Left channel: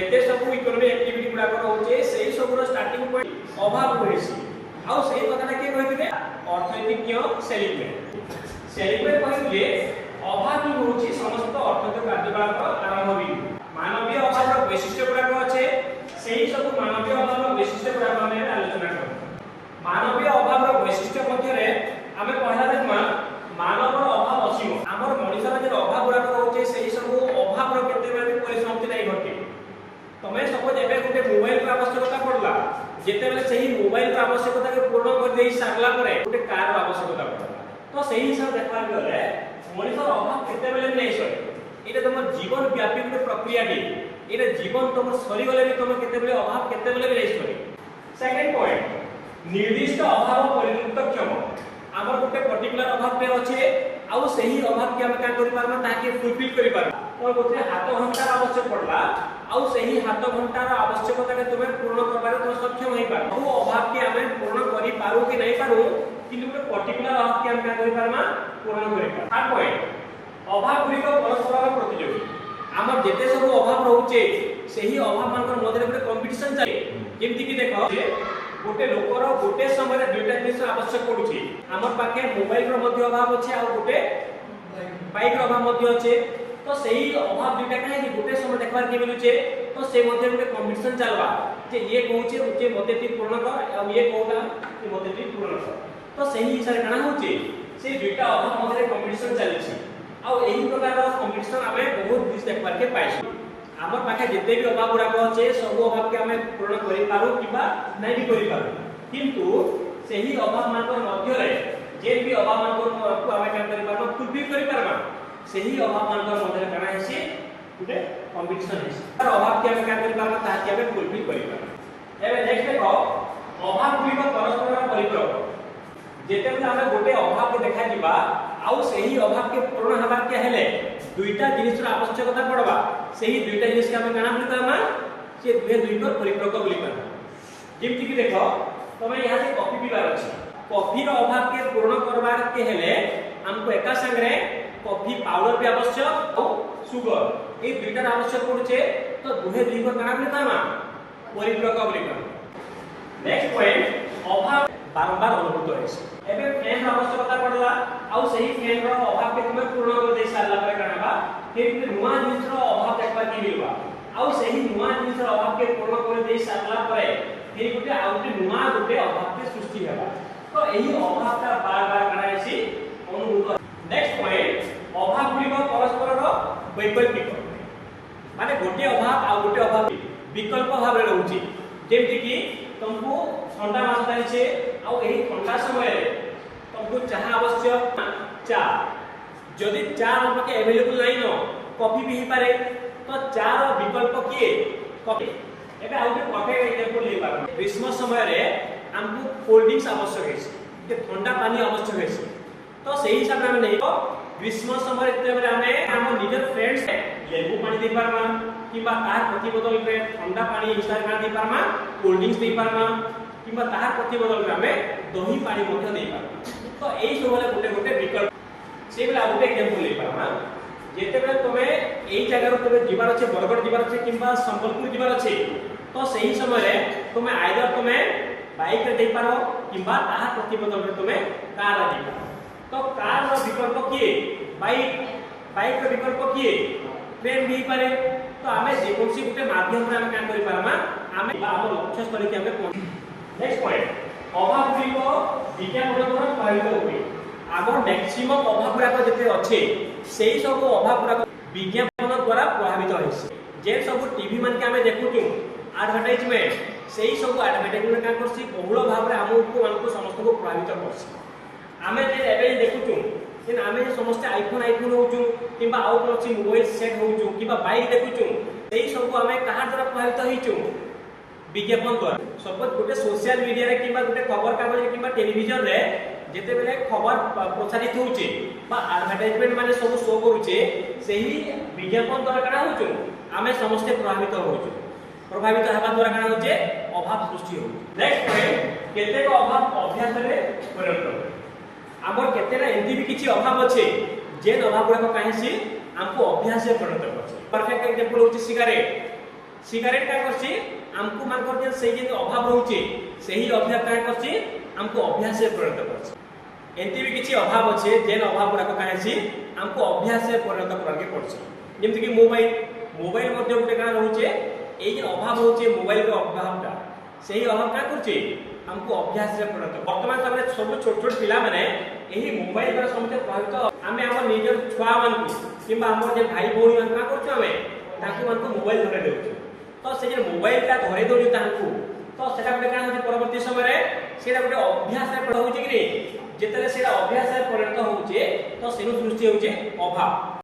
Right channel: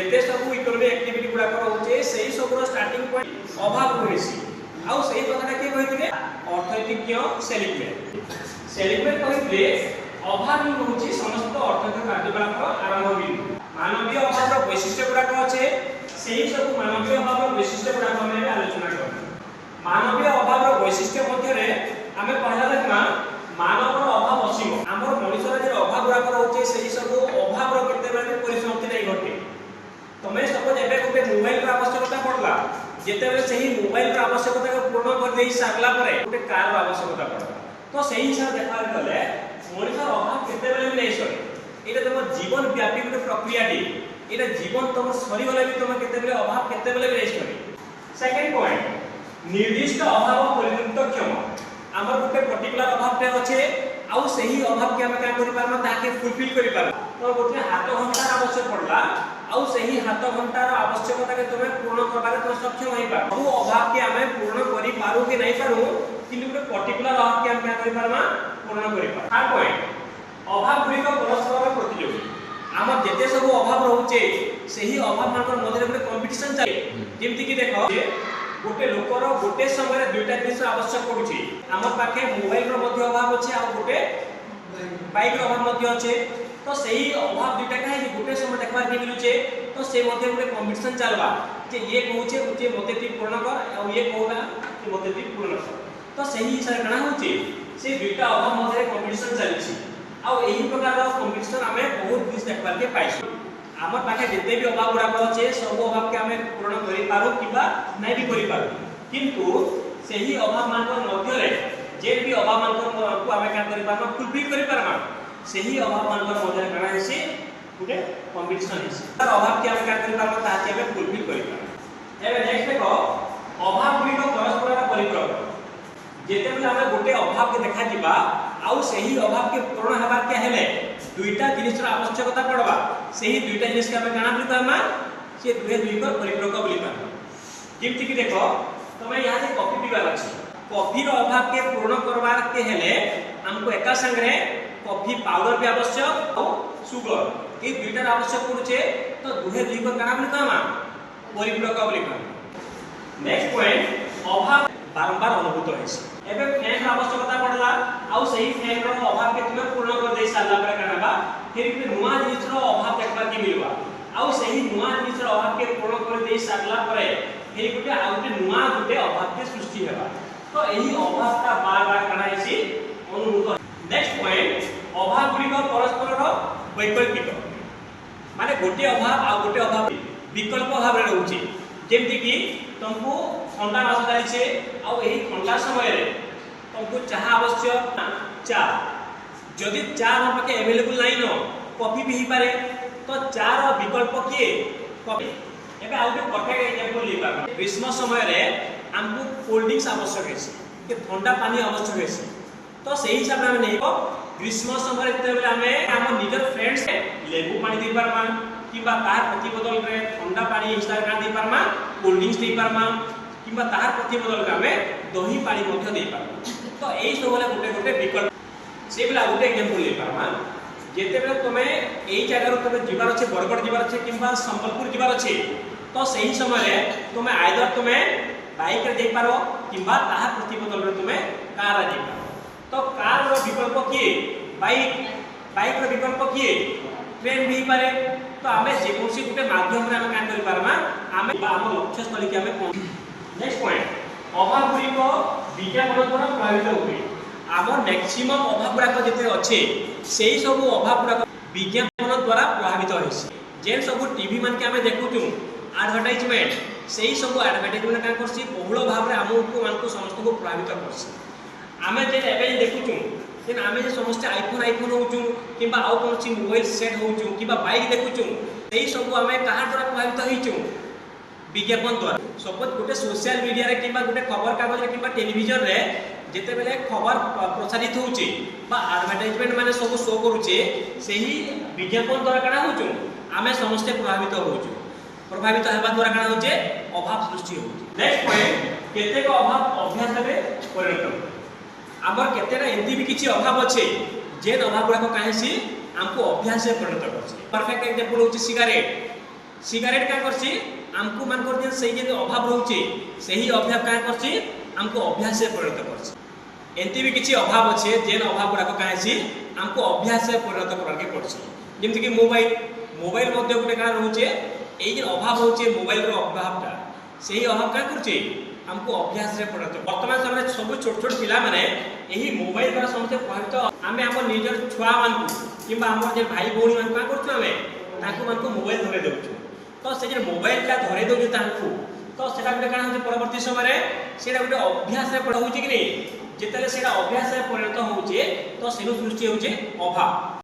जेते सब economic activity गुडा होचे सेही सबरो स्टार्टिंग पॉइंट अभाव होइसी आउ सेही कथाटा के कहिथिले अर्थनैतिज्ञ सेलिब्रेट कहिथिले अभाव ही होची समस्त अर्थनैतिक कार्यकलापर आरंभ बिंदु मानवीय अभावର वैशिष्ट्य गुडा अछि सेही सब मानवीय अभावର वैशिष्ट्य गुडा हम आलोचना करब मानवीय अभावର वैशिष्ट्य मध्यरे आमे पढला देखमा मानवର अभाव असीम हमर मनुष्यर जे अभाव गुडा होचे सेही सब अभावର केते बेले परिसमाप्ति नै घटे तमे सपोज एबे गुटे मोबाइल रा आवश्यकता पड़ला जेते बेले सेही मोबाइल रा आवश्यकता के पूर्ण कर देई सारला परे गुटे कार रा आवश्यकता पड़ला तो सेही हिसाब देखा गले मनुष्यर अभाव केते बेले नै सरे एटा तम जीवन व्यापी गुटे प्रक्रिया दी एटा जीवन तम सरी गले भी तम केते बेले अभाव केते बेले नै सरे सेकंड पॉइंट निर्दिष्ट अभाव परिणत क्षम हमर गुटे पर्टिकुलर अभाव पे अछि आउ सेही अभाव के हम का करि पारना ताके फुलफिल करि पारना तो गुटे हाथ घंटा आवश्यक पड़ला आउ सेही हाथ घंटार आवश्यकता के तुमे पूर्ण करबारे तो सक्षम होई पार ओ अभाव के हमें पूर्ण करि पारू कि नै पारू किंतु गुटे पर्टिकुलर अभाव के हम का करि पारमा पूर्ण करि पार थर्ड पॉइंट अभाव गुडी को परस्पर प्रतियोगी हमर जेते सब अभाव रहउचे सेही अभाव मानकर मधरे गुटे कंपटीशन चले जेमति कि देखो गोटे लोकर गोटे समय दुईटा जिनिस आवश्यक पड़ुची हमर पाखे मोबाइल रो मध्ये अभाव अछि आ गोटे बाइक रो अभाव मध्ये अछि तो सही अभाव दुईटा काहे गोटे समय देखबार के मिलुचे तो से मध्ये गोटे कंपटीशन चलबा जे ये कहउचे जे मते ती पूर्ण कर आ ये कहला कि मते ती पूर्ण कर तो सही हिसाब गणा होचे से दुईटा अभाव मध्ये कंपटीशन चलिछि आ एही प्रकार कंपटीशन हमें बहुत दिस देखबार के पाइछु हमर पाखे जेते भी अभाव गुडा अछि सब अभाव के हमें पूर्ण करि पारू किबा नै भी करि पारू किंतु सेही अभाव मानकर मध्य रे जे भी अभाव मानकर को हमें क्या करि पारू फुलफिल करि पारमा सेही अभाव मानकर मध्य गणा हेसी गुटे कंपटीशन हेसी तर अभाव के हमें क्या करि पारमा ता के हमें फुलफिल करि पारमा एबे नेक्स्ट देखो अभाव गुडी को परस्पर परिपूरक जेते बेले हमें गोटे अभाव के देखा जिबा आउ सेही अभाव के पूर्ण हबार के हेले दुईटा जिनिस आवश्यकता पड़वा सेही दुईटा जिनिस के हमें काना बोली पारमा से दुहे दुई को परिपूरक बोली पारमा जेमति कि देखो तमे यहां से कॉफी पीबार अछि कॉफी रो अभाव के पूर्ण करबार के हेले हमको एका संगे कॉफी पाउडर भी आवश्यक और सुगर ए दुईटा आवश्यक पड़ुचे तो दुहे दुई को काना बोली पारमा परिपूरक बोली पारमा नेक्स्ट पॉइंट अभाव बारंबार अनुभूत होइछ एबे फैन आवश्यकता पड़ला आउ सही फैन रो अभाव के तुमे पूर्ण कर दे सारला परे करबा फिर भी नुवा जिनिस रो अभाव देखबा के मिलबा आउ सही नुवा जिनिस रो अभाव के पूर्ण कर दे सारला परे फिर गुटे आउटे नुवा गुटे अभाव के सृष्टि हेबा तो एही अभाव का बार-बार कणाइसी अनुभूत नेक्स्ट पॉइंट अभाव गुडी को परस्पर रो वैकल्पिक माने गोटे अभाव आ गोटे अभाव विकल्प भाव रे रहउची जेमति कि तुमको ठंडा मास जाइछे आ एही ठंडा समय रे तुमको चाह आवश्यक चा जदि चा हम पाके अवेलेबल नाही न कॉफी भी ही पारे तो चा रो विकल्प किए कॉफी एबे आउटे कॉफी एग्जांपल ले पार ग्रीष्म समय रे हमको कोल्ड ड्रिंक्स आवश्यक है के ठंडा पानी आवश्यक है तो सही हिसाब में नहीं ग्रीष्म समय रे हमें हम निजर फ्रेंड्स लेबू पानी दे पारमा किबा तार प्रति बदल रे ठंडा पानी हिसाब का दे पारमा कोल्ड ड्रिंक्स दे पारमा किबा तार प्रति बदल रे हमें दही पानी मध्ये दे पारमा तो एई सब वाला गोटे गोटे विकल्प से बेला गोटे एग्जांपल ले पारमा जेते बेला तमे एई जगह रो तमे जीवार अछि बरगड जीवार अछि किबा संबलपुर जीवार अछि तो सही समय रे तमे आइदर तमे बाइक रे दे पारो किबा तार प्रति बदल रे तमे कार रे दे पारो तो कार रो विकल्प किए बाइक रो विकल्प किए ट्रेन भी पारे तो हमें जे कोनसी गुटे माध्यम रे हम काम करि पारमा हमें हम लक्ष्य स्थल के हमें पहुंच नेक्स्ट पॉइंट अभाव गुडी को विज्ञापन द्वारा प्रभावित होई आम मैक्सिमम अभाव गुडा जते अच्छे सेही सब अभाव गुडा विज्ञापन द्वारा प्रभावित होइसे जे सब टीवी मन के हमें देखुचु एडवर्टाइजमेंट सेही सब एडवर्टाइजमेंट का करसी बहुल भाव रे हमको मान को समस्त को प्रभावित करसी आमे जे एबे देखुचु देन आमे समस्त आईफोन होचु किबा आउ कोनसी मोबाइल सेट होचु किबा बाइक देखुचु एही सब आमे कहा द्वारा प्रभावित होइचु विज्ञापन द्वारा सपोज गोटे सोशल मीडिया रे किबा गोटे खबर कागज रे किबा टेलीविजन रे जेते बेले खबर प्रसारित होउचे बा एडवर्टाइजमेंट माने सब शो करूचे सेही विज्ञापन द्वारा कना होचु आमे समस्त प्रभावित हेबा द्वारा कना होचे अभाव सृष्टि होउचे नेक्स्ट पॉइंट केते को अभाव अभ्यास रे परिणत आमर केतेना एंती भी किछि अभाव अछि जे अभाव गुडा को काहेसी हमको अभ्यास से परिणत करछि परफेक्ट एग्जांपल होछि सिगारेट सिगारेट क्या करछि हमको मान कर से जे अभाव रहउचे सही अभाव क्या करछि हमको अभ्यास से परिणत करछि एंती भी किछि अभाव अच्छे जेन अभाव गुडा का छी हमको अभ्यास से परिणत करके पड़छि जेमति कि मोबाइल मध्य गुटे का रहउचे एई जे अभाव होचे मोबाइल रो अभावटा सही अभाव क्या करछि हमको अभ्यास रे परिणत वर्तमान समय सब छोट छोट पिला माने एही मोबाइल द्वारा समस्त प्रभावित आमे हमर निजर छुआ मान किबा हमर जे भाई भौणी मान का करछु आमे ताकू मान को मोबाइल धरे देउछु तो से जे मोबाइल का धरे देउछु ताकू तो सेटा गुटे का होचे परवर्ती समय रे सेटा गुटे अभ्यास रे पड़ होउचे कि जेतले सेटा अभ्यास रे परिणत होउचे तो सेनु सृष्टि होउचे अभाव